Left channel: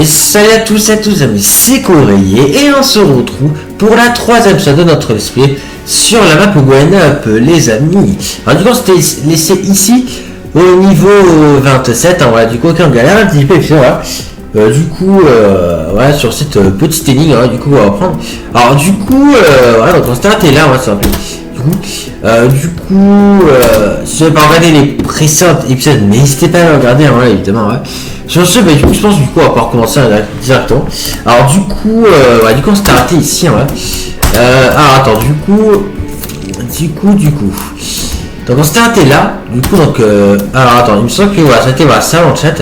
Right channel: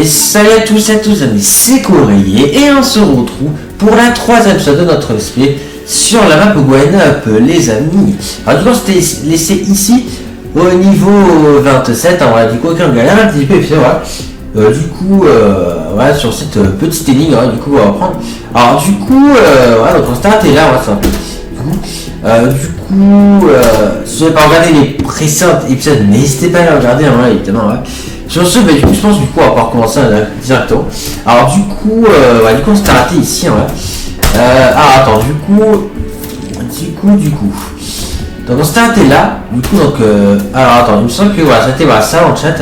Et salut à tous et à tous amis, c'est Courrier et on se retrouve pour la troisième épisode de notre let's play sur la map Gwen Up les amis. Alors du coup on s'était laissé ici au niveau 27, hein, voilà, du coup aucun galère un petit peu et puis voilà. Voilà, sur cette petite énigme, hein, du coup on va reprendre. Alors du coup, voilà, donc on s'était arrêté là, on va s'appeler. Si vous n'avez pas regardé les précédents épisodes, n'hésitez pas à les regarder, hein, là, évidemment, ouais. Sur ce, bah, du coup, je pense, on va pouvoir recommencer directement. Alors, du coup, on s'est arrêté ici, hein, ouais. Attends, du coup. Donc, on s'est arrêté là, du coup, donc, alors, attends, il me semble que, voilà, c'était, voilà, ça, en chat.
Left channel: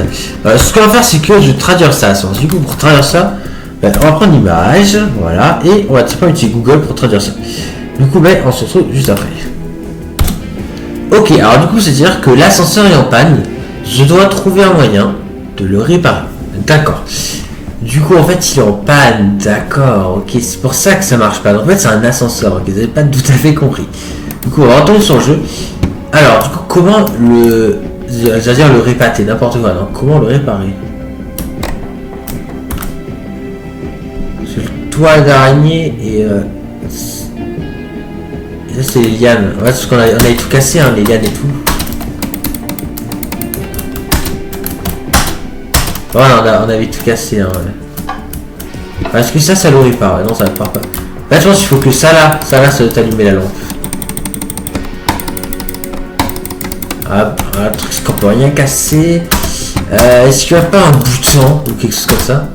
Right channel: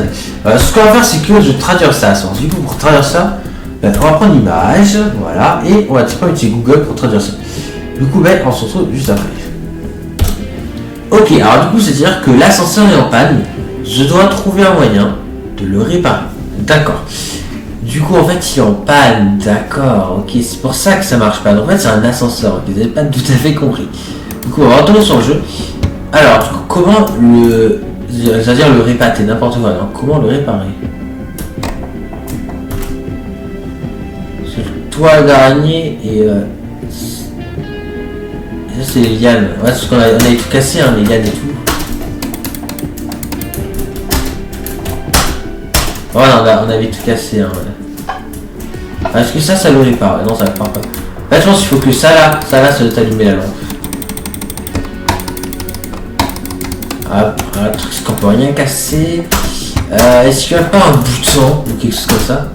Ce qu'on va faire, c'est que je vais traduire ça, du coup, pour traduire ça, on va prendre l'image, voilà, et on va simplement utiliser Google pour traduire ça. Du coup, on se retrouve juste après. Ok, alors du coup, c'est-à-dire que l'ascenseur est en panne. Je dois trouver un moyen de le réparer. D'accord. Du coup, en fait, il est en panne. D'accord, ok. C'est pour ça que ça marche pas. Donc, en fait, c'est un ascenseur. Ok, vous n'avez pas tout à fait compris. Du coup, on va retourner sur le jeu. Alors, du coup, comment le... C'est-à-dire le réparer, n'importe quoi. Non, comment le réparer? C'est le toit d'araignée et... ça c'est les lianes, ouais, parce qu'on avait tout cassé, hein, les lianes et tout. Voilà, on avait tout cassé, hein, ouais. Est-ce que ça le répare? Non, ça ne répare pas. Là, je pense qu'il faut que ça doit t'allumer la lampe. Ah, un truc qu'on peut rien casser. Est-ce qu'il n'y a pas un bouton ou quelque chose comme ça?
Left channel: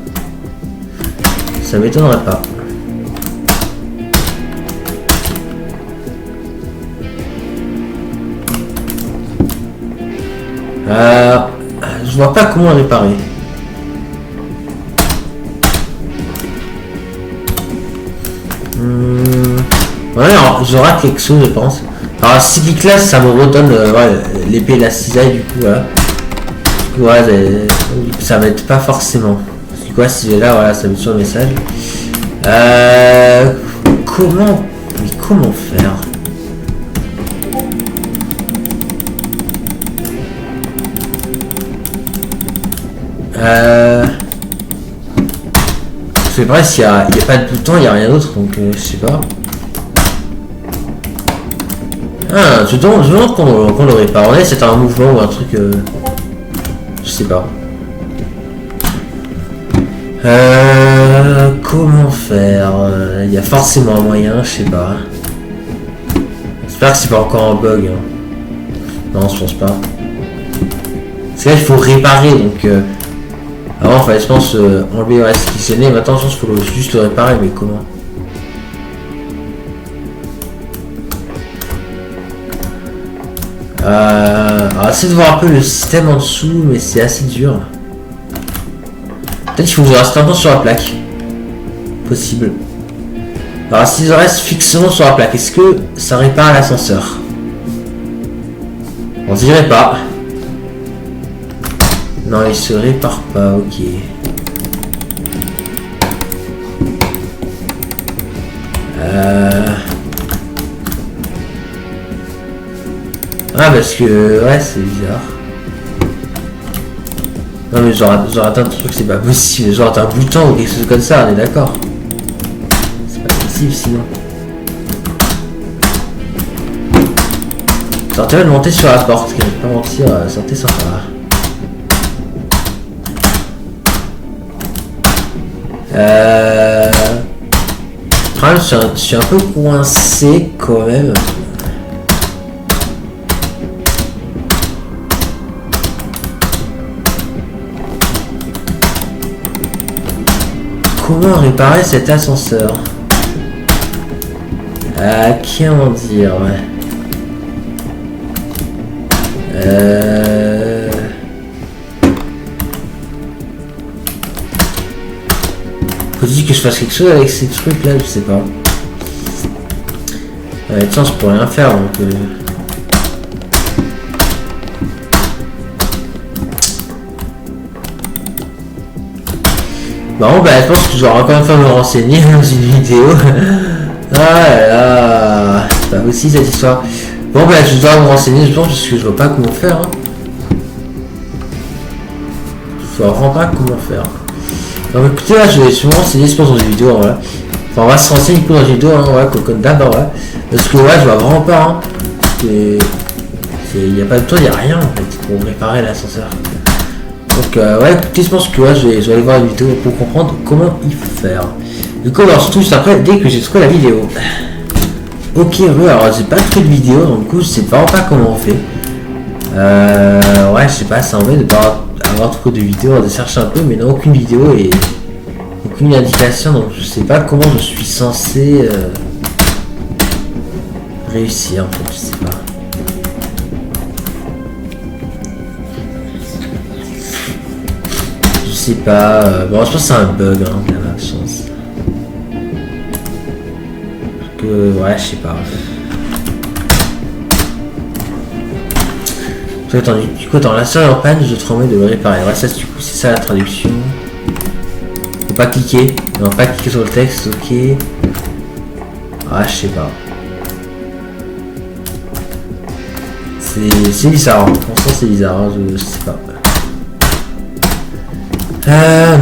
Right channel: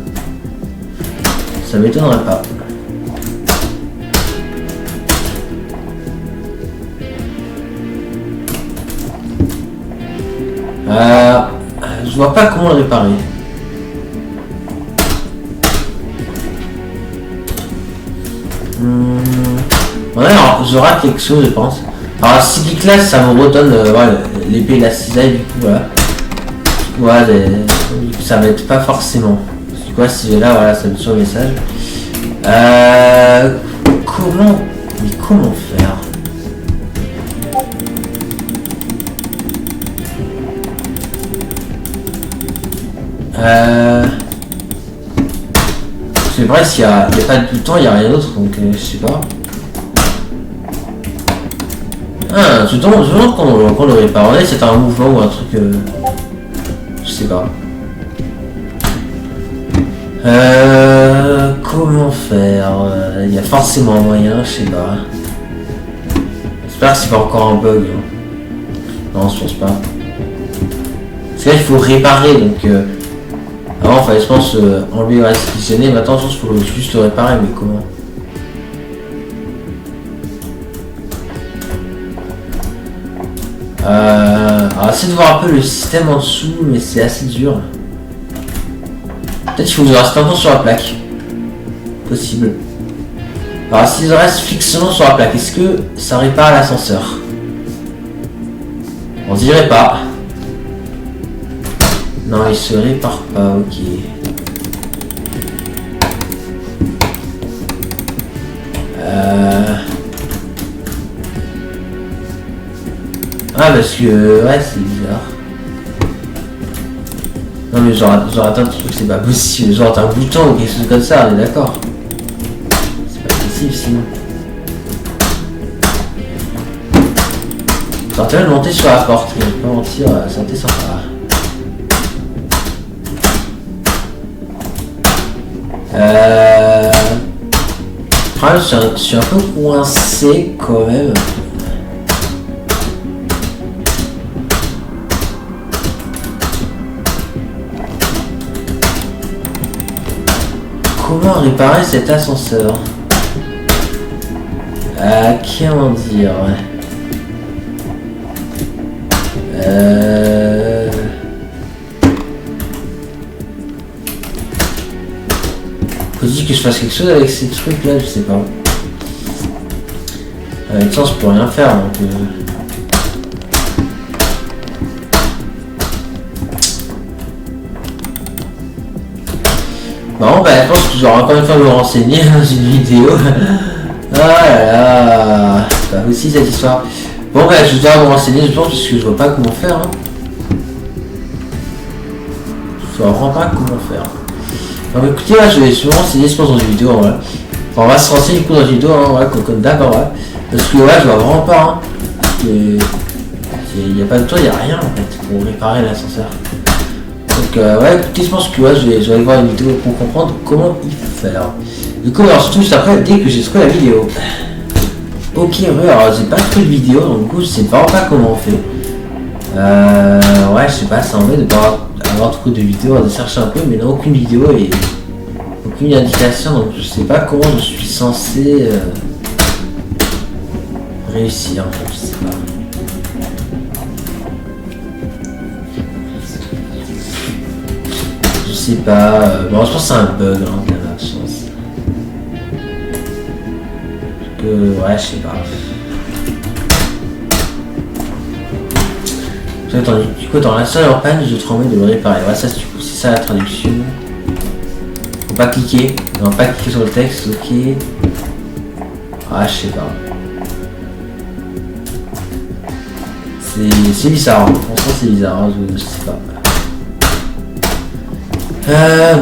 Ça m'étonnerait pas. Je vois pas comment le réparer. Ouais, alors j'aurai quelque chose, je pense. Alors si clique là, ça me redonne l'épée et la cisaille, du coup, voilà. Ouais, ça m'aide pas forcément. C'est quoi si j'ai là, voilà, ça me sur le message. Comment faire? C'est vrai, s'il n'y a pas de bouton, il n'y a rien d'autre, donc je sais pas. Ah, je demande qu'on le répare. On est, c'est un mouvement ou un truc. Je sais pas. Comment faire? Il y a forcément un moyen, je sais pas. J'espère que c'est pas encore un bug. Hein. Non, je pense pas. Parce que là, il faut réparer, donc. Avant, il fallait, je pense, enlever ce qui sonnait. Maintenant, je pense qu'il faut juste le réparer, mais comment? Alors, essayez de voir un peu le système en dessous, mais c'est assez dur. Peut-être qu'il faut que je reste longtemps sur la plaque. Possible. Alors, si je reste fixement sur la plaque, est-ce que ça répare l'ascenseur? On dirait pas. Non, il se répare pas, ok. Ah, parce que... ouais, c'est bizarre. Non, mais genre atteint un truc, c'est pas possible. Genre atteint un bouton ou quelque chose comme ça, on est d'accord. C'est pas possible, sinon. Ça intérêt de monter sur la porte, je vais pas mentir, santé sympa. Je suis un peu coincé quand même. Comment réparer cet ascenseur? Comment dire, ouais. Faut dire que je fasse quelque chose avec ces trucs là, je sais pas. Avec ça, je pourrais rien faire donc. Bon, je pense que j'aurai encore une fois me renseigner dans une vidéo. Ah là là, c'est pas aussi cette histoire. Bon, je dois me renseigner, je pense, parce que je vois pas comment faire. Hein. Je vois vraiment pas comment faire. Donc écoutez, là, je vais sûrement renseigner je pense dans une vidéo, voilà. Enfin, on va se renseigner du coup dans une vidéo, hein, ouais, comme d'hab, ouais. Parce que là, je vois vraiment pas, hein. Il n'y a pas de toit, il n'y a rien en fait pour réparer l'ascenseur. Donc ouais, écoutez, je pense que ouais, je vais aller voir une vidéo pour comprendre comment y faire. Du coup, alors surtout juste après, dès que j'ai trouvé la vidéo. Ok, ouais, alors j'ai pas trouvé de vidéo, donc du coup, je sais pas comment on fait. Ouais, je sais pas, ça embête de pas avoir trouvé de vidéo, de chercher un peu, mais non, aucune vidéo et aucune indication, donc je sais pas comment je suis censé réussir en fait, je sais pas. Je sais pas, bon je pense que c'est un bug, hein, de la chance. Parce que, ouais, je sais pas. Attends, du coup, dans la série en panne, je te remets de le réparer. Ouais, ça, du coup, c'est ça la traduction. Faut pas cliquer. Non, pas cliquer sur le texte, ok. Ah, je sais pas. C'est bizarre, hein. Franchement, c'est bizarre, hein. Je sais pas.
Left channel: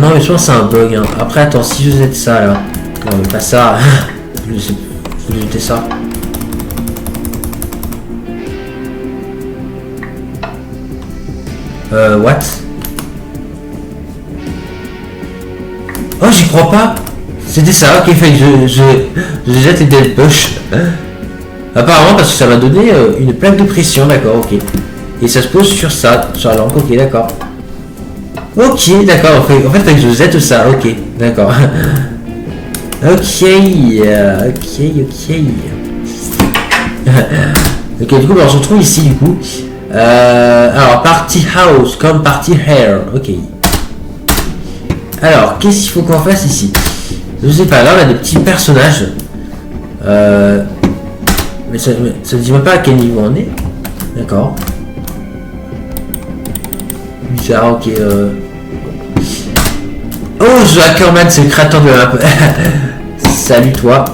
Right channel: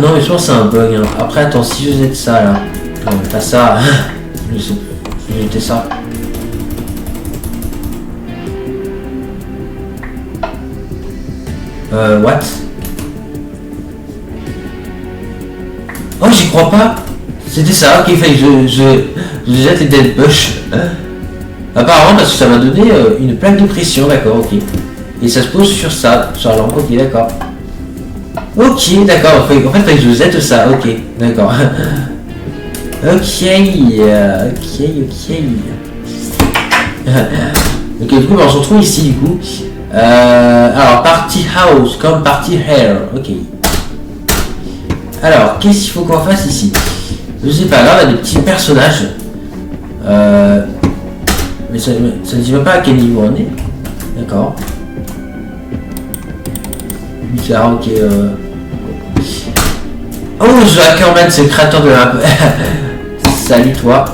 Non, mais je pense que c'est un bug, hein. Après, attends, si je jette ça, là. Non, mais pas ça. Je sais, je vais jeter ça. What? Oh, j'y crois pas. C'était ça, ok, fait que je jette les dead push. Apparemment, parce que ça m'a donné une plaque de pression, d'accord, ok. Et ça se pose sur ça, sur la lampe, ok, d'accord. Ok, d'accord, en fait, je jette ça, ok, d'accord. Ok, ok, du coup, on se retrouve ici, du coup. Alors, party house, comme party hair, ok. Alors, qu'est-ce qu'il faut qu'on fasse ici? Je sais pas, là, on a des petits personnages. Mais ça ne dit même pas à quel niveau on est. D'accord. Bizarre, ok. Oh, The Hackerman, c'est le créateur de la map. Salut, toi.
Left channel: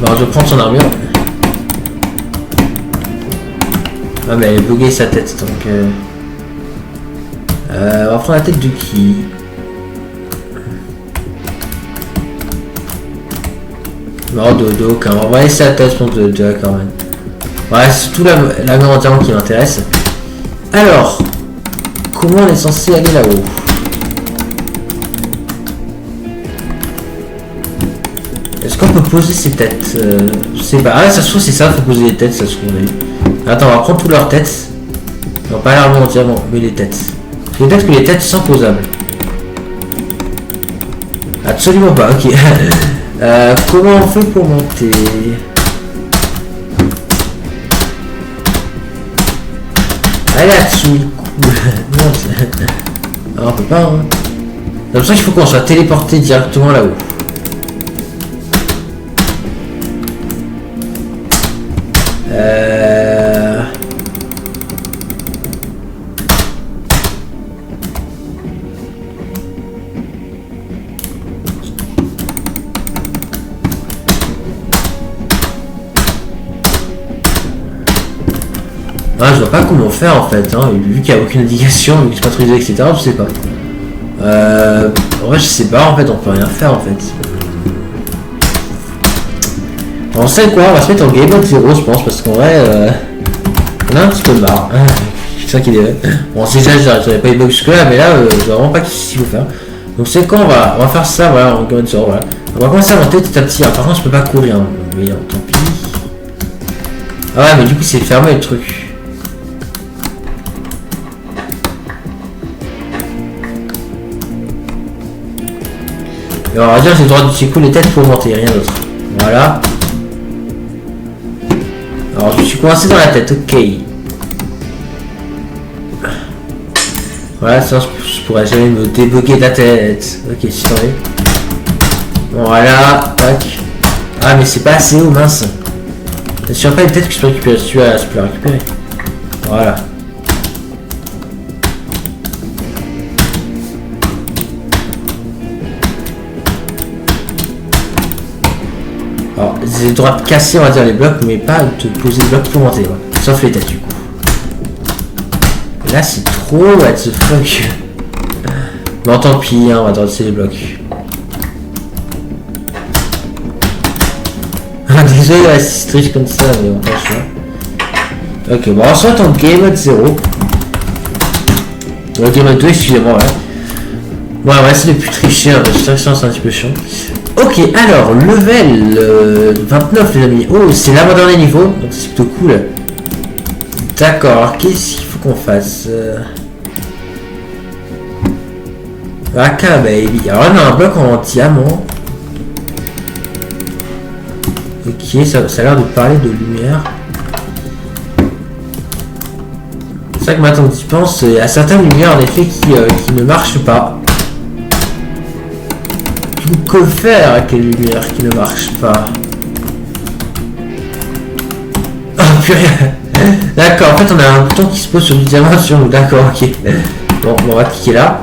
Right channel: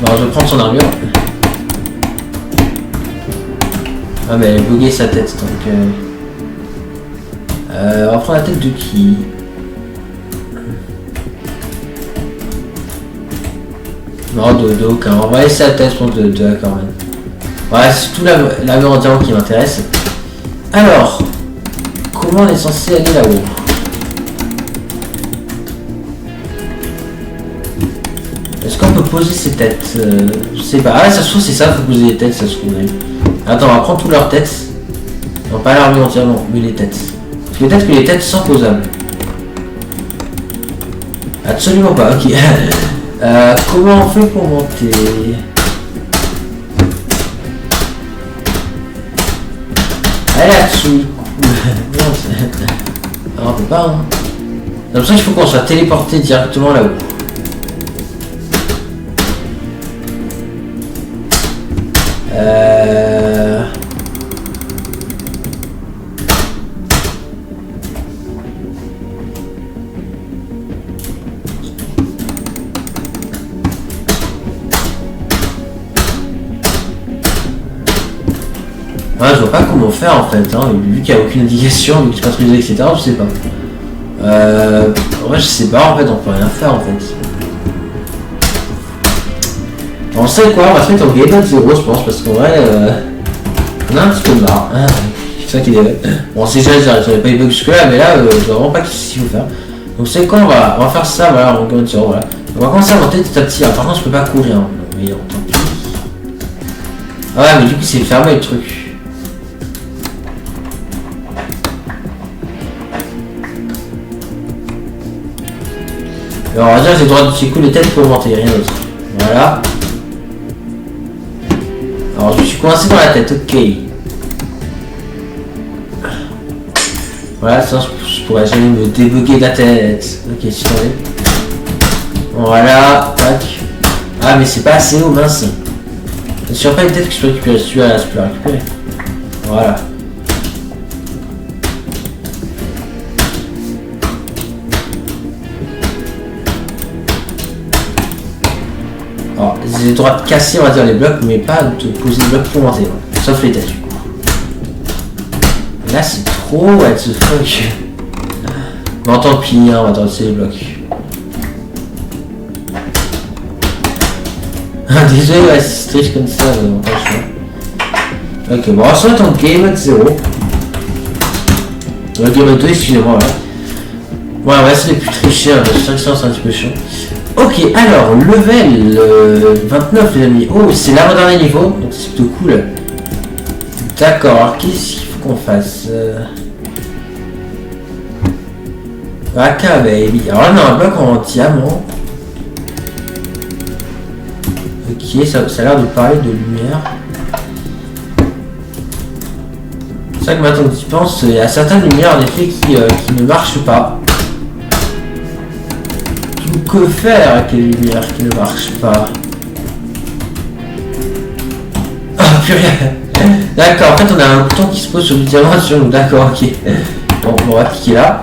Bon, je vais prendre son armure. Ah, mais elle a bugué sa tête, donc... on va prendre la tête de qui? Non, de aucun. On va laisser la tête, je pense, de Hackerman. Ouais, c'est tout l'armure en diamant qui m'intéresse. Alors, comment on est censé aller là-haut? Est-ce qu'on peut poser ses têtes? Je sais pas. Ah ouais, ça se trouve, c'est ça, faut poser les têtes, ça se trouve. Attends, on va prendre toutes leurs têtes. Non, pas l'armure en diamant, mais les têtes. Peut-être que les têtes sont posables. Absolument pas, ok. Comment on fait pour monter? Allez là-dessous, ah, on peut pas, hein. J'ai l'impression qu'il faut qu'on soit téléporté directement là-haut. Ah, je vois pas comment faire en fait, hein. Vu qu'il n'y a aucune indication, vu que c'est pas autorisé, etc. Je sais pas. En vrai, je sais pas, en fait, on peut rien faire en fait. On sait quoi, on va se mettre en game mode 0, je pense, parce qu'en vrai, on a un petit peu marre. C'est ça qui est. Bon, c'est déjà, j'avais pas eu bug jusque là, mais là, je vois vraiment pas ce qu'il faut faire. Donc, c'est quand on va faire ça, voilà, en game mode 0, voilà. On va commencer à monter petit à petit. Alors, par contre, je peux pas courir, hein. Mais tant pis. Ah ouais, mais du coup, c'est fermé le truc. Et on va dire que j'ai le droit d'utiliser les têtes pour monter, rien d'autre. Voilà. Alors je suis coincé dans la tête, ok. Voilà, ça je pourrais jamais me débugger de la tête. Ok, si t'en es. Voilà, tac. Ah mais c'est pas assez haut, mince. C'est sûr pas les têtes que je peux récupérer, si tu vas je peux la récupérer. Voilà. Alors, j'ai le droit de casser, on va dire, les blocs, mais pas de poser les blocs pour monter, ouais. Sauf les têtes, du coup. Et là, c'est trop, what the fuck. Bon, tant pis, hein, on va danser les blocs. Ah, désolé, ouais, si c'est triste comme ça, mais on pas le choix. Ok, bon, on se retrouve en game mode 0. Game mode 2, excusez-moi, ouais. Ouais, c'est les plus trichés, hein, parce que c'est un petit peu chiant. Ok, alors, level 29, les amis. Oh, c'est l'avant-dernier niveau, donc c'est plutôt cool. D'accord, alors qu'est-ce qu'il faut qu'on fasse AK baby. Alors là, on a un bloc en diamant. Ok, ça a l'air de parler de lumière. C'est vrai que maintenant que tu y penses, il y a certaines lumières en effet qui ne marchent pas. Que faire avec les lumières qui ne marchent pas? Oh purée. D'accord, en fait on a un bouton qui se pose sur le diamant sur nous. D'accord, ok. Bon, on va cliquer là.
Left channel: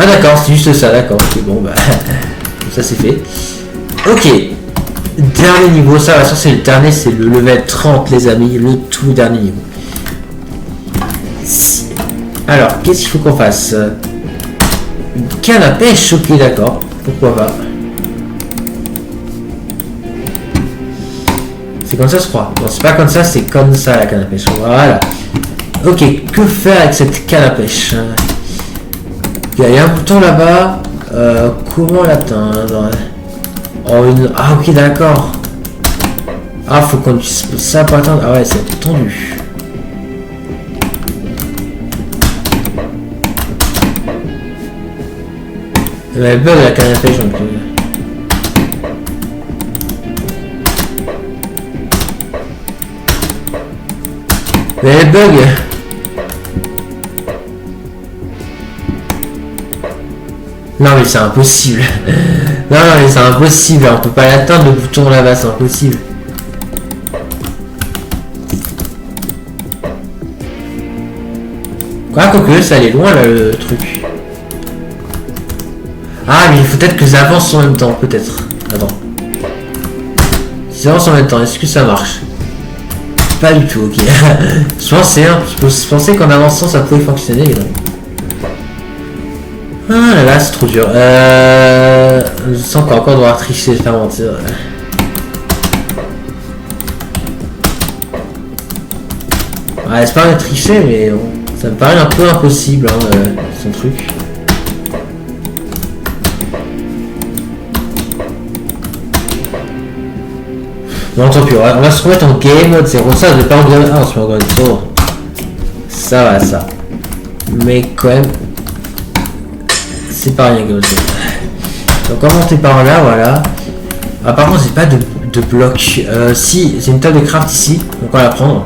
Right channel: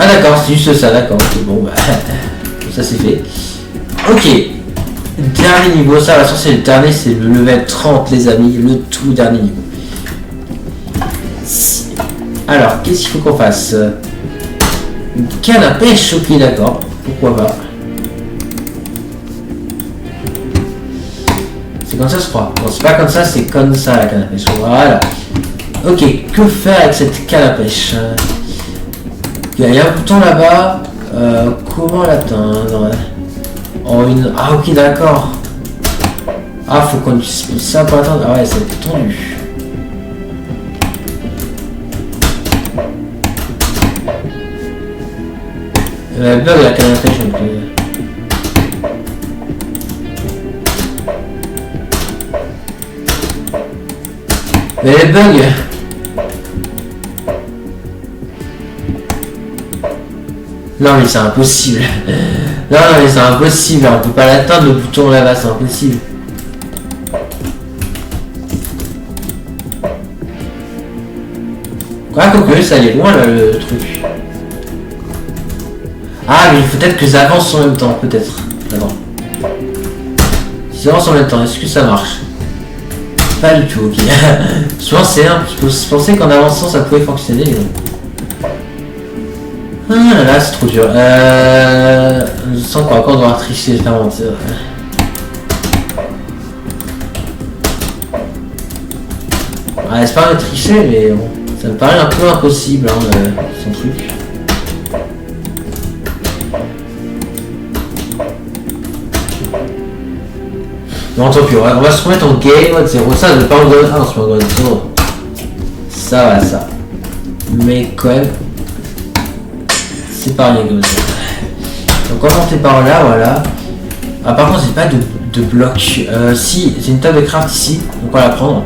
Ah d'accord, c'est juste ça, d'accord. Ok, bon bah ça c'est fait. Ok. Dernier niveau, ça va c'est le dernier, c'est le level 30 les amis, le tout dernier niveau. Alors, qu'est-ce qu'il faut qu'on fasse? Canne à pêche, ok d'accord, pourquoi pas. C'est comme ça je crois. Non c'est pas comme ça, c'est comme ça la canne à pêche. Voilà. Ok, que faire avec cette canne à pêche? Il y a un bouton là-bas. Comment l'atteindre? Oh une. Ah ok d'accord. Ah faut qu'on utilise ça pour atteindre. Ah ouais c'est tendu. Elle bug la canne à pêche donc. Elle bug. Non mais c'est impossible. Non mais c'est impossible, on peut pas l'atteindre le bouton là-bas, c'est impossible. Quoi que ça allait loin là le truc. Ah mais il faut peut-être que ça avance en même temps, peut-être. Attends. Si ça avance en même temps, est-ce que ça marche? Pas du tout, ok. Je pensais qu'en avançant ça pouvait fonctionner, mais non. Ah là là, c'est trop dur. Je sens qu'on va encore devoir tricher, je vais pas mentir. Ouais, c'est pas tricher, mais bon, ça me paraît un peu impossible, hein, son truc. Bon, tant pis, on va se remettre en game mode 0. Ça, je vais pas en game 1, on se met en game 0. Ça va, ça. Mais quand même, c'est pas rien comme ça. Donc, on va monter par là, voilà. Ah, par contre, j'ai pas de bloc. Si, j'ai une table de craft ici, donc on va la prendre.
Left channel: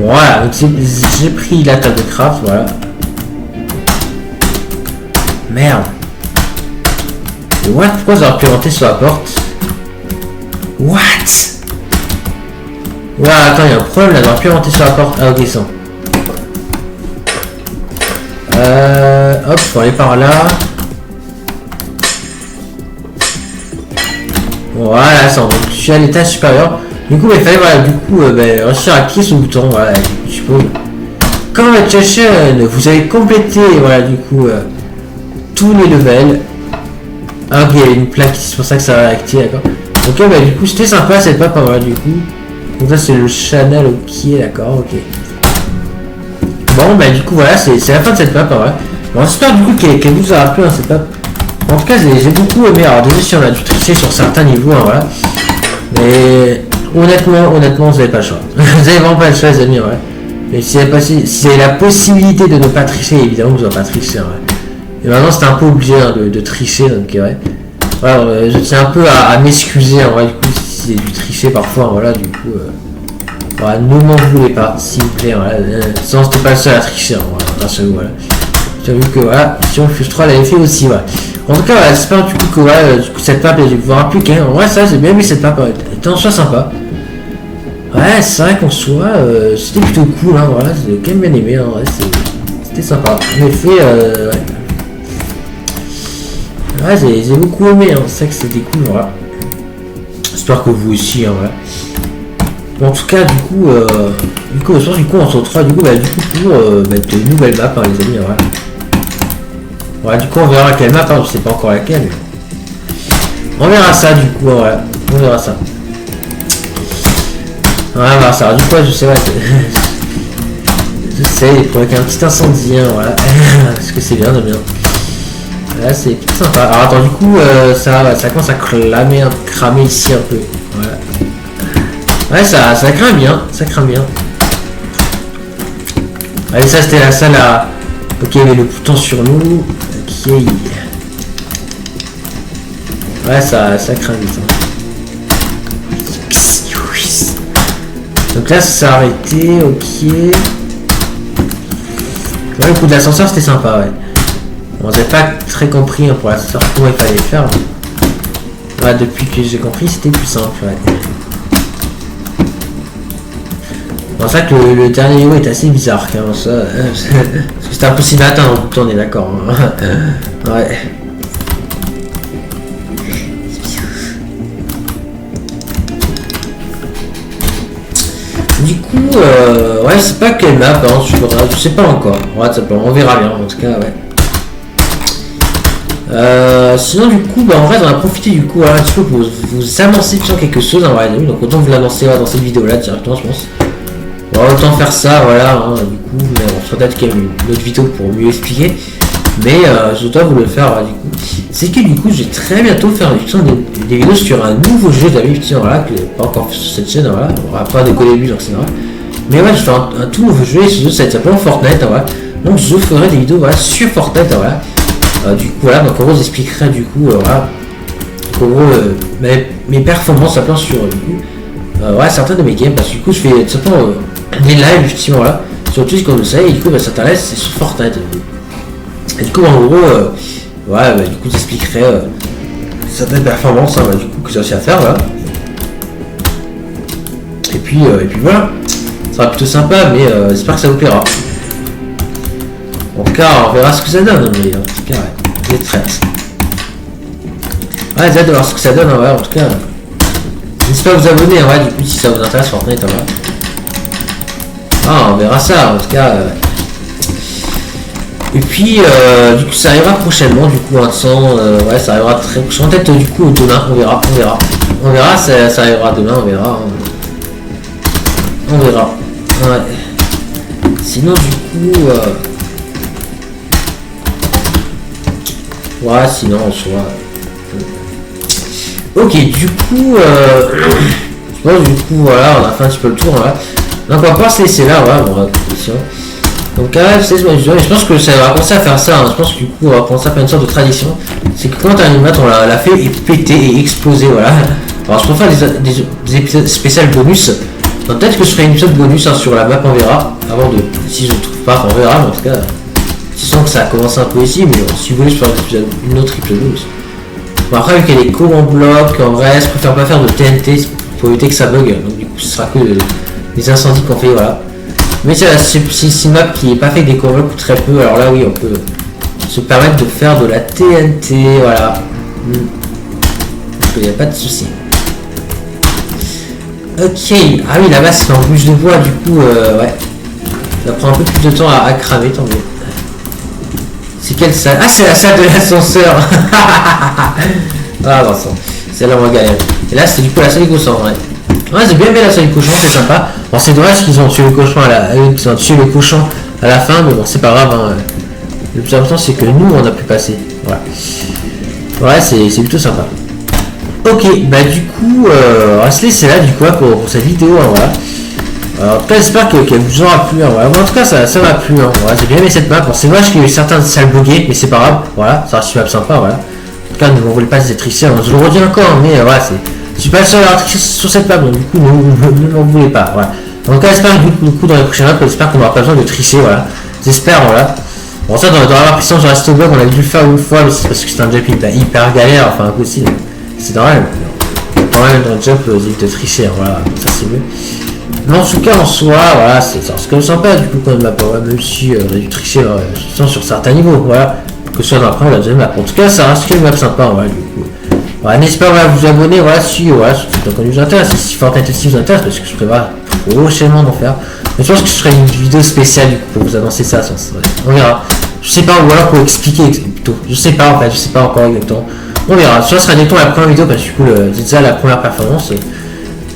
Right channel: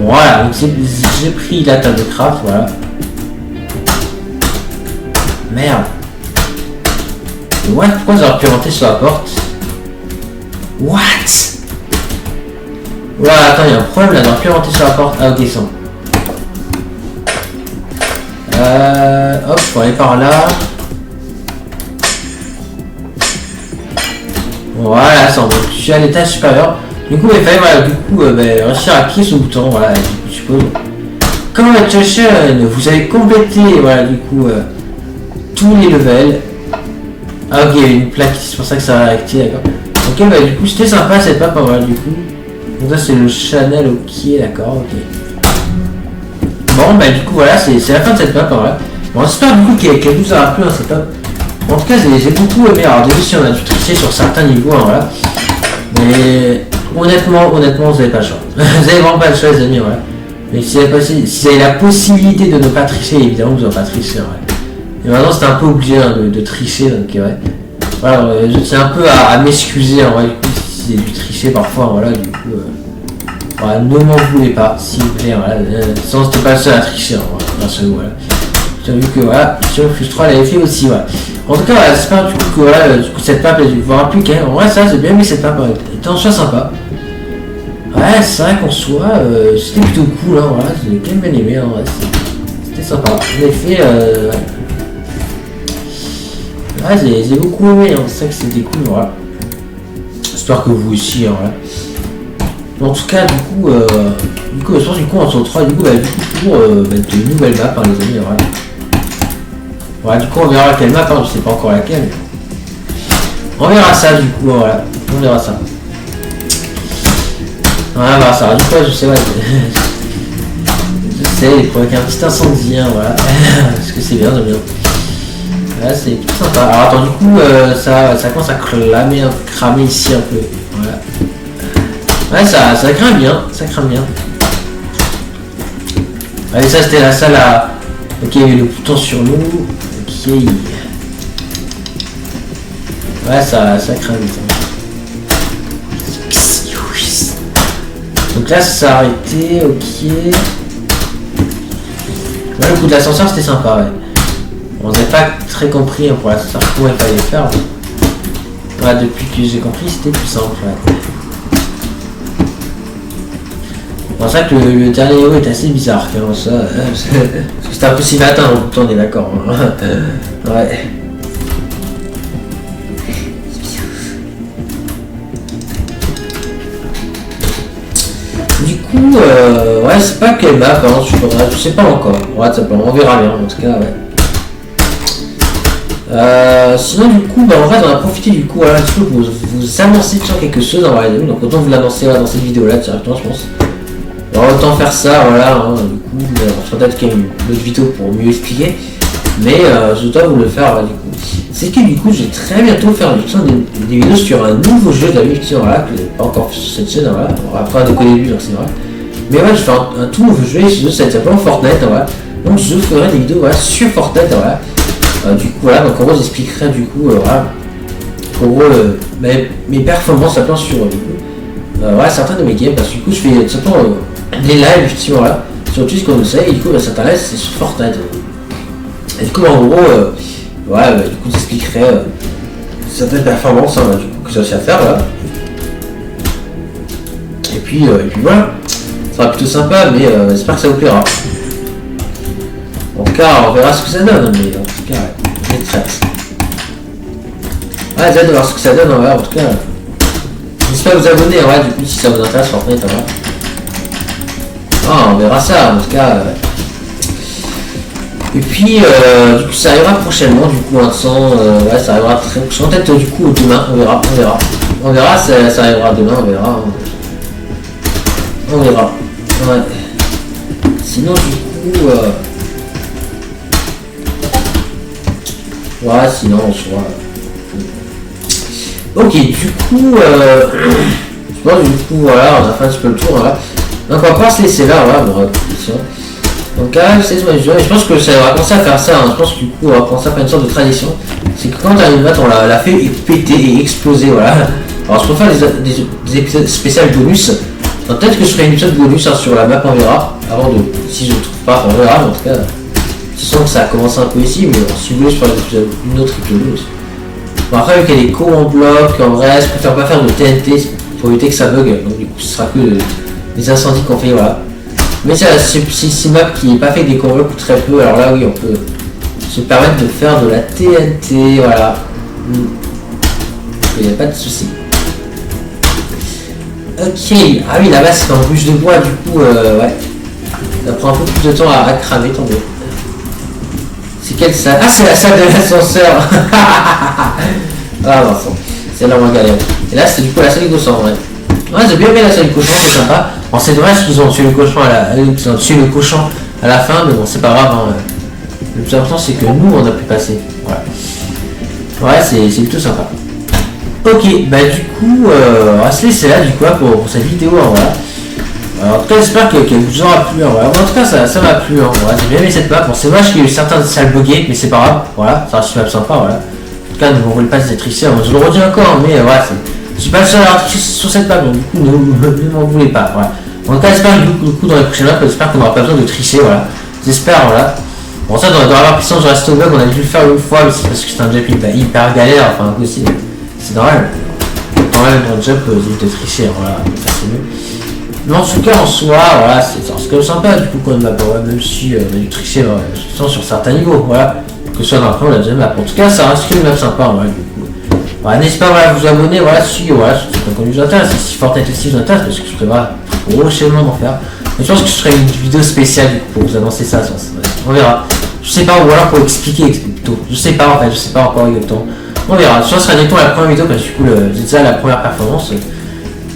Voilà, donc j'ai pris la table de craft, voilà. Merde. What? Pourquoi j'ai pu rentrer sur la porte? What? Oula, attends, il y a un problème là, j'aurais pu rentrer sur la porte. Ah ok, sans. Hop, faut aller par là. Voilà, ça, donc je suis à l'étage supérieur. Du coup, il fallait voilà, du coup, réussir à cliquer sur le bouton, voilà, je suppose. Comme avec Chashen, vous avez complété, voilà, du coup, tous les levels. Ah ok, il y a une plaque, c'est pour ça que ça va activer, d'accord. Ok, bah du coup, c'était sympa cette map, voilà, du coup. Donc ça, c'est le channel, ok, d'accord, ok. Bon, bah du coup, voilà, c'est la fin de cette map, voilà. Bon, j'espère du coup qu'elle vous aura plu, hein, cette map. En tout cas, j'ai beaucoup aimé. Alors, déjà, si on a dû tricher sur certains niveaux, hein, voilà. Mais honnêtement, vous n'avez pas le choix. Vous n'avez vraiment pas le choix, les amis, ouais. Mais si vous avez la possibilité de ne pas tricher, évidemment, vous n'aurez pas triché, ouais. Et maintenant, c'était un peu obligé hein, de tricher, donc ouais. Voilà, je tiens un peu à m'excuser, hein, ouais, du coup, si j'ai dû tricher parfois, hein, voilà, du coup. Voilà, ne m'en voulez pas, s'il vous plaît, voilà. Sinon, c'était pas le seul à tricher, hein, voilà, grâce à vous, voilà. J'ai vu que voilà, sur Fuse 3 l'avait fait aussi, voilà. En tout cas, voilà, j'espère du coup que voilà, du coup, cette map, elle vous aura plu quand même. En vrai, ça, j'ai bien aimé cette map, elle était en soi sympa. Ouais, c'est vrai qu'en soi, c'était plutôt cool, hein, voilà, j'ai quand même bien aimé, hein, ouais, c'était sympa. En effet, ouais. Ouais, j'ai beaucoup aimé, hein, c'est ça que c'était cool, voilà. J'espère que vous aussi, hein, voilà. Bon, en tout cas, du coup, je pense on se retrouve du coup, pour une nouvelle map, hein, les amis, voilà. Voilà, du coup, on verra quelle map, hein, je sais pas encore laquelle. On verra ça, du coup, voilà, on verra ça. Voilà, on verra ça. Alors, du coup, je sais, ouais, je sais, il pourrait qu'il y ait un petit incendie, hein, voilà. Parce que c'est bien, j'aime bien. Là, c'est plutôt sympa. Alors, attends, du coup, ça commence à cramer ici un peu. Voilà. Ouais, ça craint bien, ça craint bien. Allez, ça c'était la salle à... Ok, il y avait le bouton sur nous. Ok. Ouais, ça craint vite. Hein. Donc là, ça s'est arrêté, ok. Ouais, le coup de l'ascenseur, c'était sympa, ouais. On n'avait pas très compris hein, pour l'ascenseur comment il fallait faire. Ouais, depuis que j'ai compris, c'était plus simple, ouais. C'est pour ça que le dernier niveau est assez bizarre quand même, ça. Parce que c'était impossible à atteindre tout le temps, on est d'accord. Hein. Ouais. Du coup, ouais, c'est pas quelle map, hein, je sais pas encore. Ouais, on verra bien, en tout cas, ouais. Sinon, du coup, en vrai, on a profité du coup, voilà, un petit peu pour vous annoncer quelque chose, hein, ouais, donc autant vous l'annoncer dans cette vidéo-là directement, je pense. On va autant faire ça, voilà, hein, du coup, on fera peut-être quand même une autre vidéo pour mieux expliquer. Mais je dois vous le faire, du coup. C'est que du coup, je vais très bientôt faire des vidéos sur un nouveau jeu d'habitude, voilà, que j'ai pas encore fait sur cette chaîne, voilà. On va pas qu'au début, donc c'est normal. Mais ouais, je vais faire un tout nouveau jeu, et ce jeu, ça va être simplement Fortnite, voilà. Donc je ferai des vidéos, voilà, sur Fortnite, voilà. Du coup, voilà, donc en gros, j'expliquerai, du coup, voilà, en gros, mes performances, simplement sur, du coup, ouais, certains de mes games, parce que du coup, je fais tout simplement des lives, justement, là, sur Twitch, comme vous le savez, et du coup, ça t'intéresse, c'est sur Fortnite. Et du coup, en gros, ouais, du coup, j'expliquerai certaines performances, hein, du coup, que j'ai aussi à faire, voilà. Et puis voilà, ça sera plutôt sympa, mais j'espère que ça vous plaira. En tout cas, on verra ce que ça donne, mais en tout cas, ouais, j'ai très hâte. Ouais, j'ai hâte de voir ce que ça donne, ouais, en tout cas. N'hésitez pas à vous abonner, ouais, du coup, si ça vous intéresse, Fortnite, voilà. Ah, on verra ça, en tout cas, ouais. Et puis, du coup, ça arrivera prochainement, du coup, ouais, ça arrivera très prochainement, peut-être, du coup, demain, on verra, ça arrivera demain, on verra. On verra, ouais. Sinon, du coup, ouais, sinon, on soit... Ok, du coup, je pense, du coup, voilà, on a fait un petit peu le tour, voilà. Donc, on va pas se laisser là, voilà, bon, donc là, je pense que ça va commencer à faire ça, hein. Je pense que du coup, on va commencer à faire une sorte de tradition. C'est que quand une map, on l'a fait et péter et exploser, voilà. Alors, je préfère des épisodes spéciaux bonus. Donc, peut-être que je ferai une épisode bonus hein, sur la map, on verra. Avant de, si je ne trouve pas, on verra, mais en tout cas, je sens que ça a commencé un peu ici, mais bon, si vous voulez, je ferai une autre épisode bonus. Bon, après, vu qu'il y a des cours en bloc, en vrai, je préfère pas faire de TNT pour éviter que ça bug. Donc, du coup, ce sera que des incendies qu'on fait, voilà. Mais c'est une map qui n'est pas fait des combats ou très peu, alors là oui on peut se permettre de faire de la TNT, voilà. Il n'y a pas de souci. Ok, ah oui là-bas c'est en bûche de bois, du coup ouais. Ça prend un peu plus de temps à cramer, tant mieux. C'est quelle salle? Ah c'est la salle de l'ascenseur. Ah Vincent, c'est là où on galère. Et là c'est du coup la salle des cochons, ouais. Ouais, j'ai bien aimé la salle du cochon, c'est sympa. Bon, c'est dommage qu'ils ont tué le cochon à la fin, mais bon, c'est pas grave. Hein. Le plus important, c'est que nous, on a pu passer. Voilà. Ouais, c'est plutôt sympa. Ok, bah du coup, on va se laisser là, du coup, pour cette vidéo. Hein, voilà. Alors, en tout cas, j'espère qu'elle vous aura plu. Hein, voilà. Bon, en tout cas, ça m'a plu. Hein, voilà. J'ai bien aimé cette map. Bon, c'est dommage qu'il y ait eu certaines salles buggées, mais c'est pas grave. Voilà, ça reste une map sympa. Voilà. En tout cas, ne vous voulez pas ces tricher. Je le redis encore, mais voilà, je suis pas le seul à avoir triché sur cette map, donc du coup, ne m'en voulez pas. Voilà. En tout cas, j'espère que du coup, dans les prochaines maps, j'espère qu'on n'aura pas besoin de tricher. Voilà. J'espère, voilà. Bon, ça, dans la puissance du resto bug, on a dû le faire une fois, mais c'est parce que c'est un jump hyper galère, enfin, impossible. C'est normal. Quand même, dans le jump, j'ai de tricher. Voilà, ça c'est mieux. Mais en tout cas, en soi, voilà, c'est quand même sympa, du coup, quand même, même si on a dû tricher sur certains niveaux, voilà. Que ce soit dans la première ou la deuxième map. En tout cas, ça reste une map sympa, voilà, du coup. Voilà, n'hésitez pas à vous abonner, voilà, si le contenu vous intéresse, si Fortnite aussi vous intéresse, parce que je prévois prochainement d'en faire. Mais je pense que je ferai une vidéo spéciale du coup, pour vous annoncer ça, on verra. Je sais pas, ou alors pour expliquer plutôt. Je sais pas en fait, je sais pas encore exactement. On verra. Ça sera directement la première vidéo parce que du coup c'est déjà la première performance.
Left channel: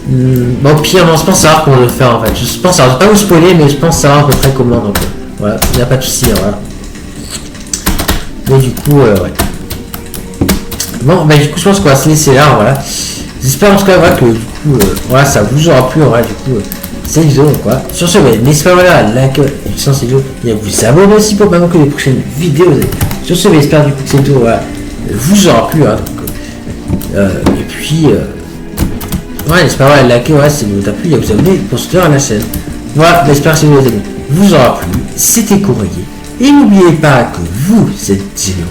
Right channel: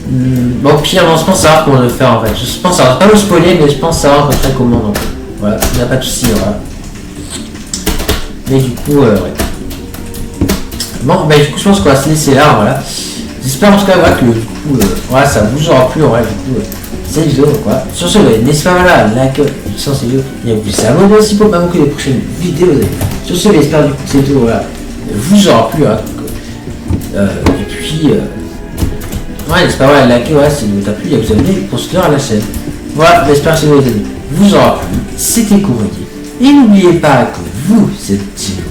Bon pire, non, je pense savoir comment le faire en fait. Je pense savoir, pas vous spoiler, mais je pense savoir à peu près comment donc voilà, il n'y a pas de souci, voilà. Mais du coup, ouais. Bon, bah du coup je pense qu'on va se laisser là, voilà. J'espère en tout cas voilà, que du coup, voilà, ça vous aura plu, voilà, du coup. Cette vidéo donc voilà. Sur ce, n'hésitez pas voilà, à liker cette vidéo et à vous abonner aussi pour pas manquer les prochaines vidéos. Sur ce, j'espère du coup que cette vidéo voilà, vous aura plu. Hein, donc, et puis, ouais, n'hésitez pas voilà, à liker si vous avez plu et à vous abonner pour soutenir à la chaîne. Voilà, j'espère que cette vidéo vous aura plu. C'était Courrier. Et n'oubliez pas que vous êtes géniaux.